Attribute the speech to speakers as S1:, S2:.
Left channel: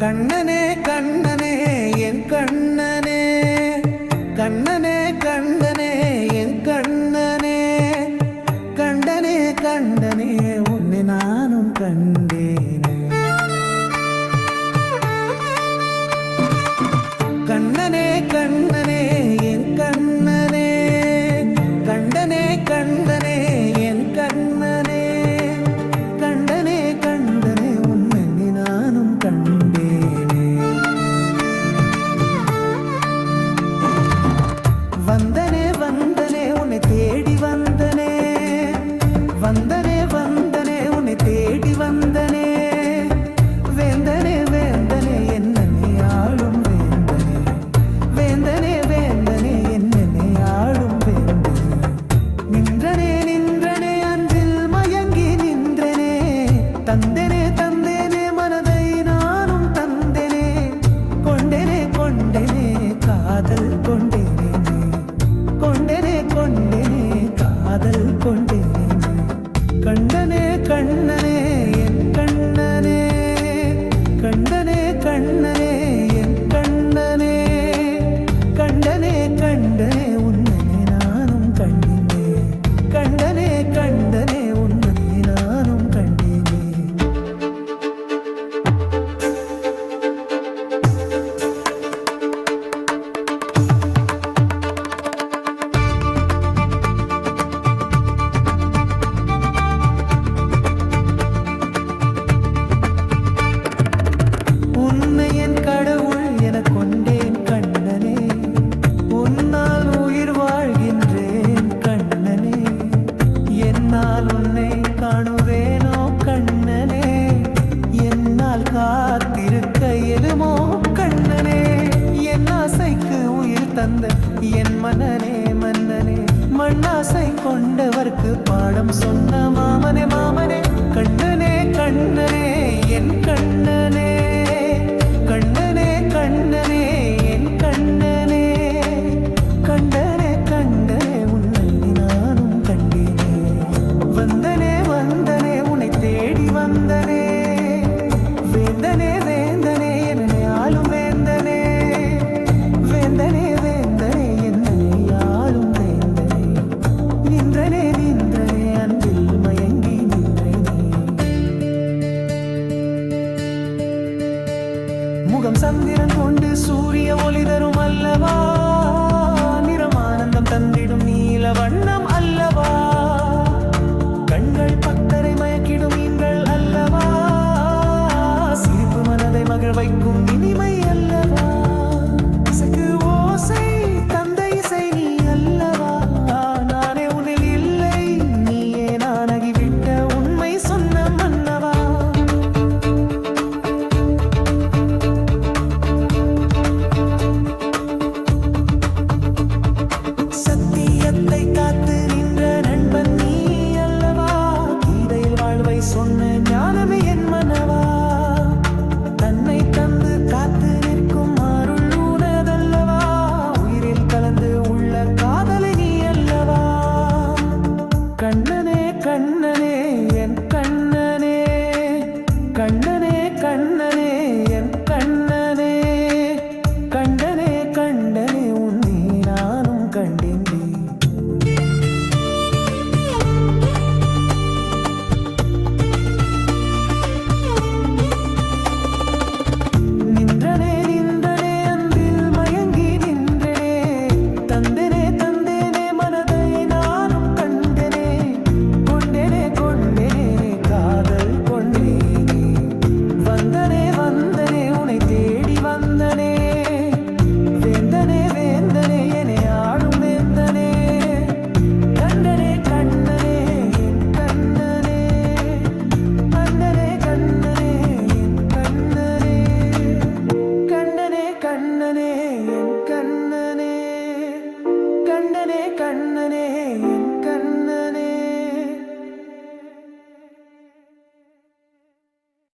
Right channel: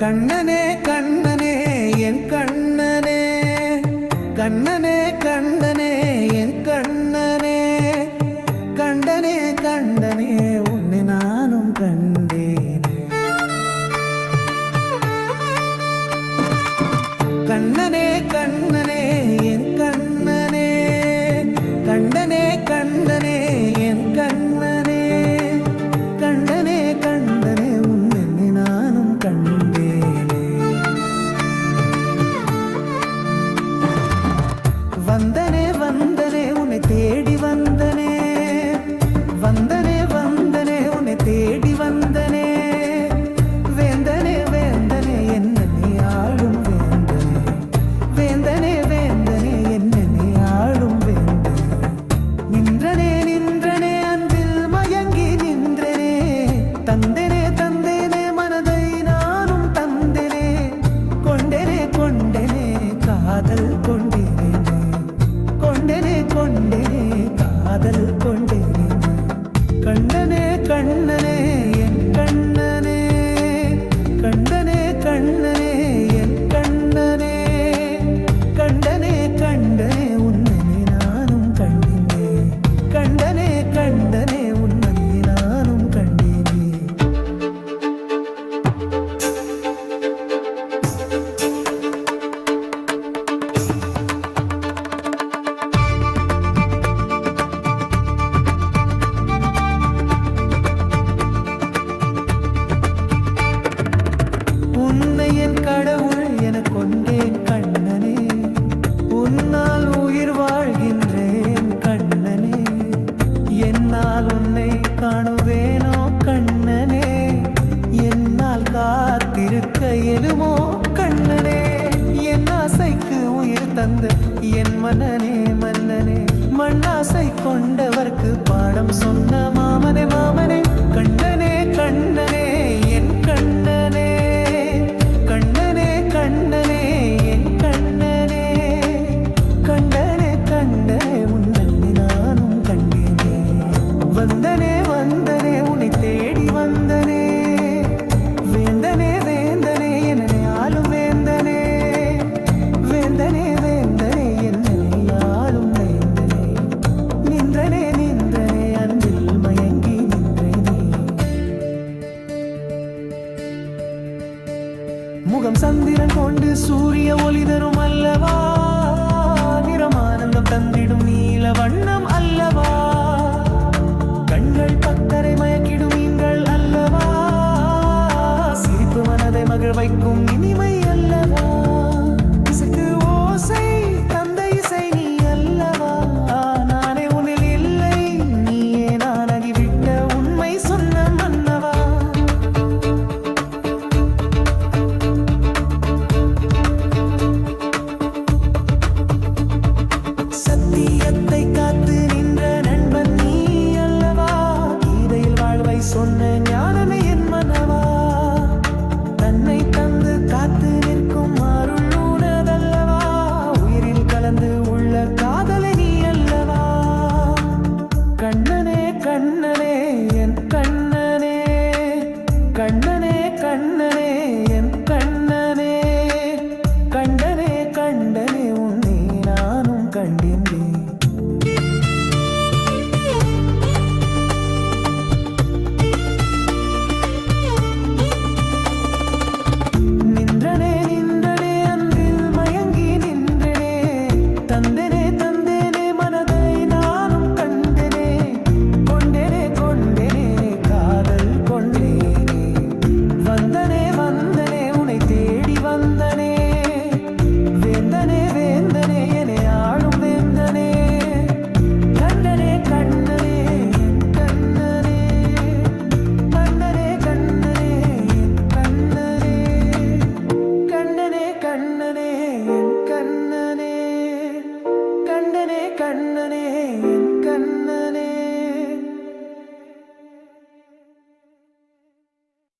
S1: கண்ணனே கண்ணனே என் கண்ணனே கண்ணனே கண்டனே என் கண்ணனே. கண்டனே கண்டனே உன்னை நானும் கண்டேனே. கண்ணனே கண்ணனே என் கண்ணனே. கண்டனே கண்டனே என் கண்ணனே. வந்தனே வந்தனே உன்னை தேடி வந்தனே. வந்தனே வந்தனே உன்னை தேடி வந்தனே. வேந்தனே வேந்தனே என்னை ஆளும் வேந்தனே. வேந்தனே வேந்தனே என்னை ஆளும் வேந்தனே. நின்றனே நின்றனே அன்பில் மயங்கி நின்றனே. தந்தனே தந்தேனே மனதை நானும் தந்தனே. கொண்டனே கொண்டனே காதல் கொண்டேனே கொண்டனே கொண்டேனே காதல் கொண்டேனே. கண்டனே கண்ணனே உன்னை என் கடவுள் என கொண்டேன் கண்ணனே. உன்னால் உயிர் வாழ்கின்றேன் கண்ணனே. என்னால் உன்னை காணுவேனோ கண்ணனே. என்னால் காத்திருக்க எலுமோ கண்ணனே. என் ஆசைக்கு உயிர் தந்த என் மன்னனே மன்னனே. மண்ணாசை கொண்டவர்க்கு பாடம் சொன்ன மாமனே மாமனே. கண்ணனே கண்ணனே என் கண்ணனே. கண்ணனே என் கண்ணனே கண்டனே கண்டனே உன்னை நானும் கண்டேனே. வந்தனே வந்தனே உன்னை தேடி வந்தனே. வேந்தனே வேந்தனே என்னனே ஆளும் வேந்தனே. வேந்தனே வேந்தனே என்னனே ஆளும் வேந்தனே. நின்றனே நின்றனே சந்திரன் கொண்டு சூரிய ஒளி தரும் அல்லவா? நிறமானந்தம் தந்திடும் நீல வண்ணம் அல்லவா? கண்கள் பக்தரை மயக்கிடும் மீன்கள் அல்லவா? சிரிப்பு மனதை மகிழ் வைக்கும் இனிமை சொன்ன ஞானமே என் மனவா? தன்னை தந்து காத்து நிற்கும் அருள் உனதல்லவா? உயிரில் கலந்து உள்ள காதலை நீ அல்லவா? கண்ணனே கண்ணனே என் கண்ணனே. கண்ணனே கண்ணனே என் கண்ணனே. கண்டனே கண்டனே உன்னை நானும் கண்டின்றேன் தந்தனே தந்தேனே மனதை நானும் கண்டனே. கொண்டேனே கொண்டேனே காதல் கொண்டேனே. வந்தனே வந்தனே உனை தேடி வந்தனே. வேந்தனே வேந்தனே என ஆளும் வேந்தனே. கண்டனே கண்ணனே கண்ணனே கண்ணனே என் கண்ணனே.